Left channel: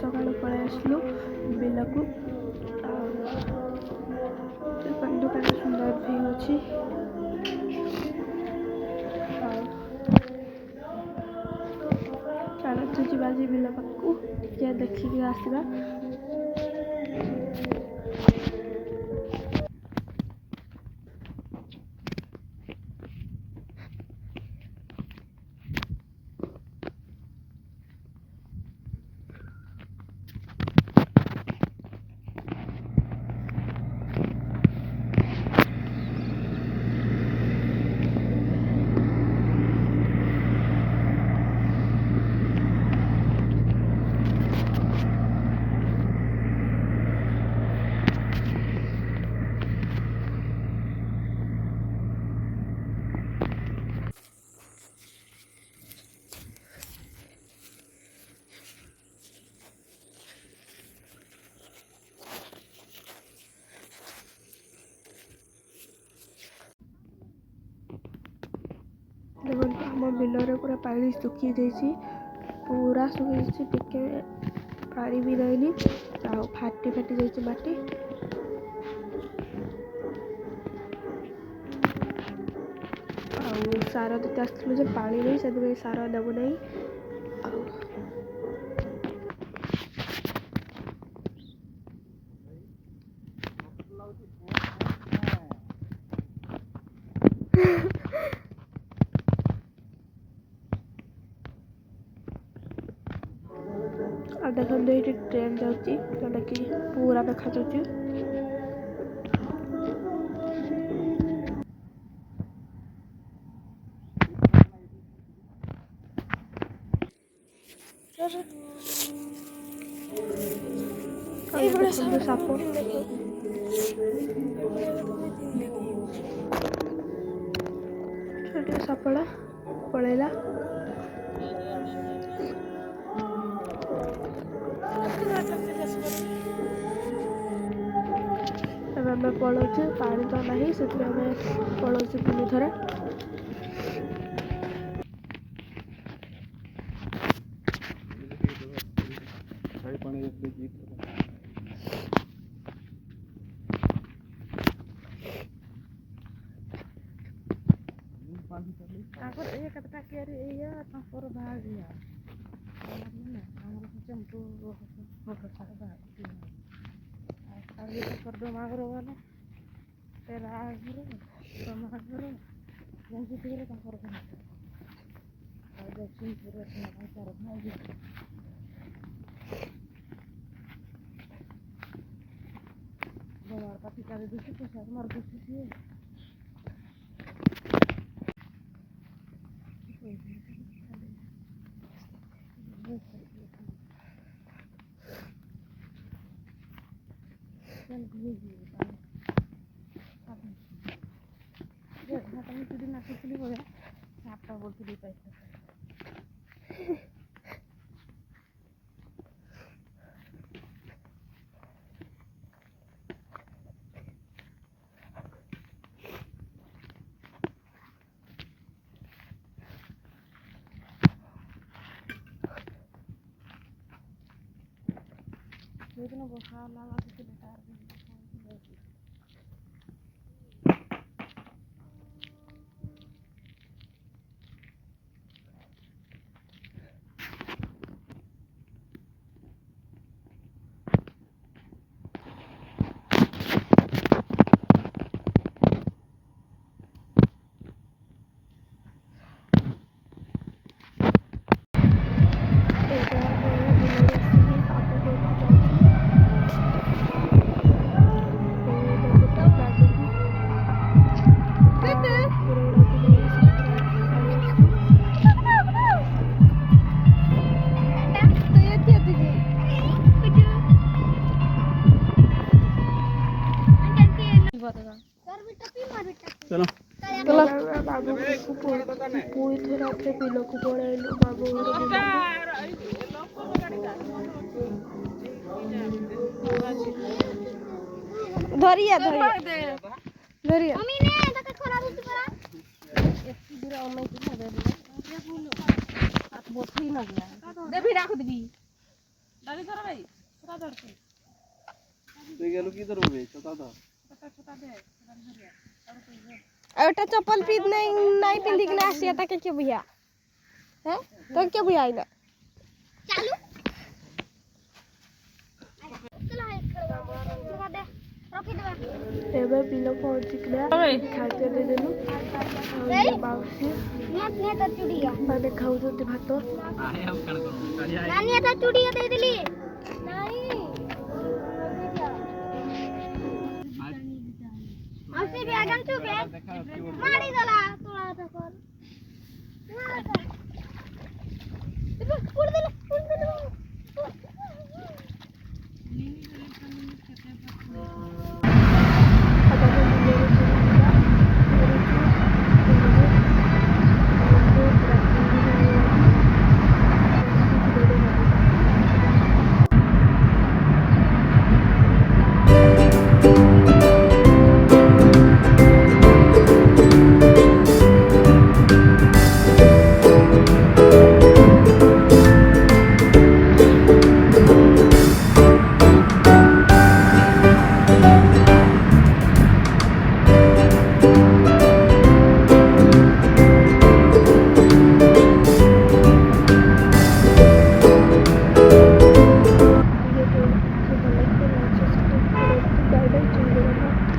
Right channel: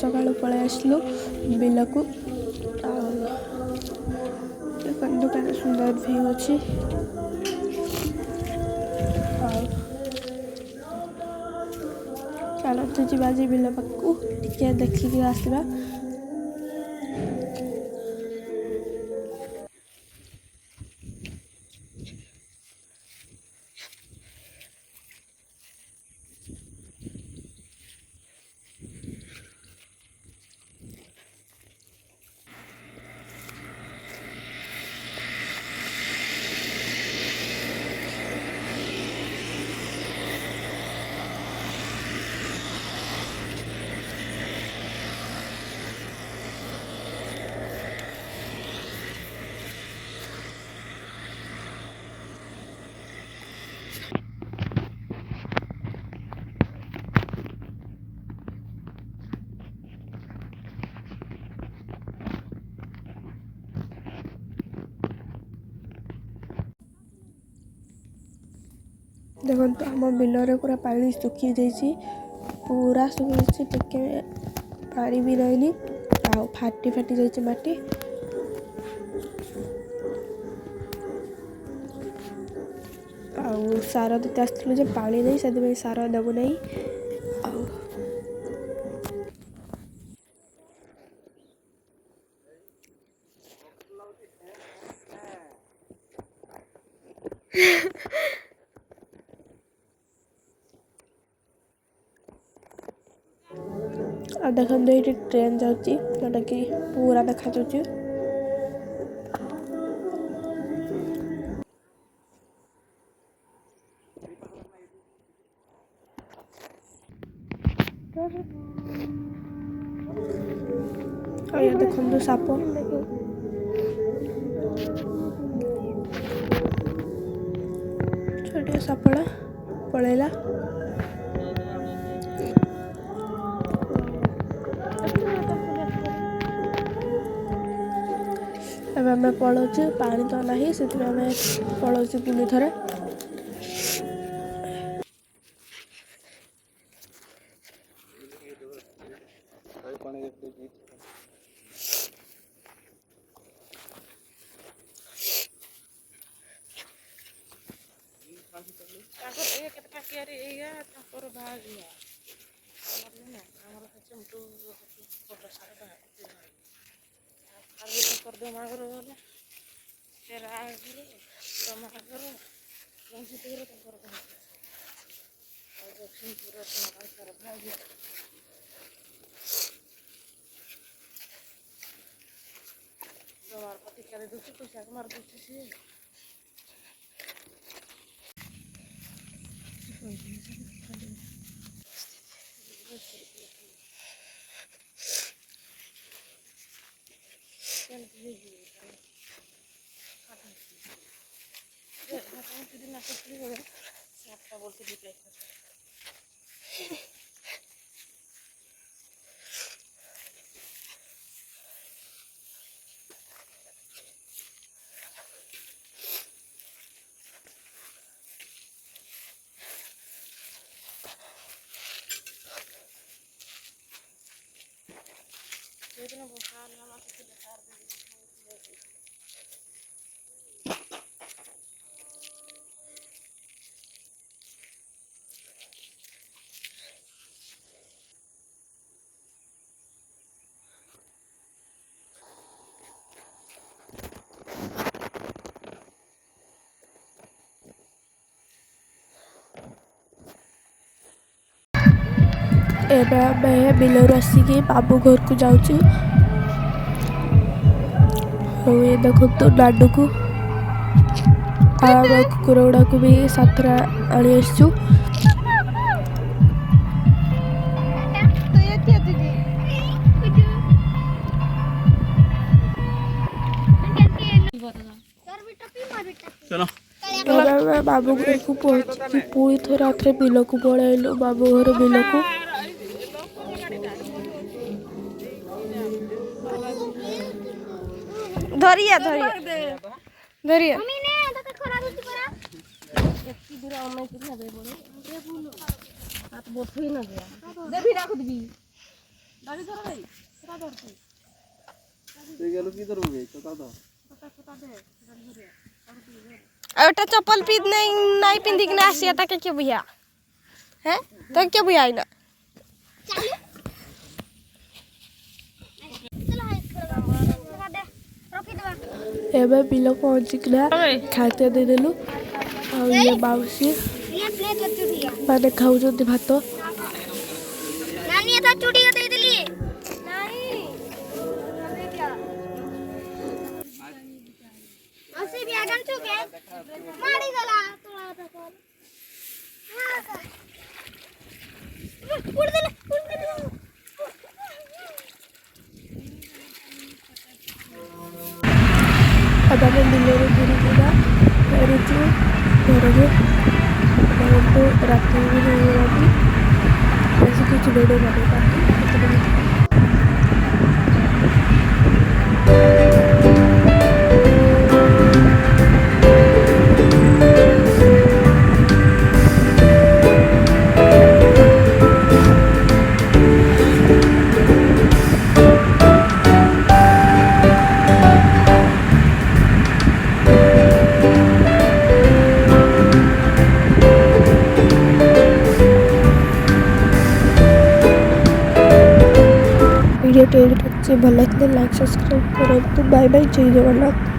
सकाल पलि आसलु बिल को सुंदर व्यू अच्छी चलते जी बिल पाक टे देखिक आसवा। देखो आम बिलरे पूरा पानी सुखी जाइए पूरा सुखी टिके पानी भी रहनी फाटी फाटी जाइए माटी सार देते आसलु पानी नहीं से सार देवु नहीं देखो ये ट्रेन जाऊँगी जोटा कि पूरा देखा जाऊँगी साप छोटे सापड़ा पलैला आम पलाऊँ पानी तो ना से पलाऊँ पुणी थे एवं बिलर आसिक बाबू घर को जाऊँ ये देखो तो लाडू को कुकुर गुड़ा को भी साथ आनी आसचु बाबू घर को पुई थे रात बिल को पलैलु बाबू घर बिल को धरिया धरिया धरिया ओटा चप्पल पीद नहीं पिंदी के आसी ता के भैया हैं तो के भैया आइना एबे बिलो पहुंची गया खाते दे देलु और ये बाउसी माने खाऊ जो भात नानी था चूड़ी दे देली नहीं दे क्या औसे भी आगन छु के मारी दला तोला त कर उड़ दे ada mendengar diri kita dari itu untuk terakhir ini lagi masih kecil dari mana video तो अच्छे भले लाइक सब्सक्राइब करें तो बाय बाय जय जगन्नाथ।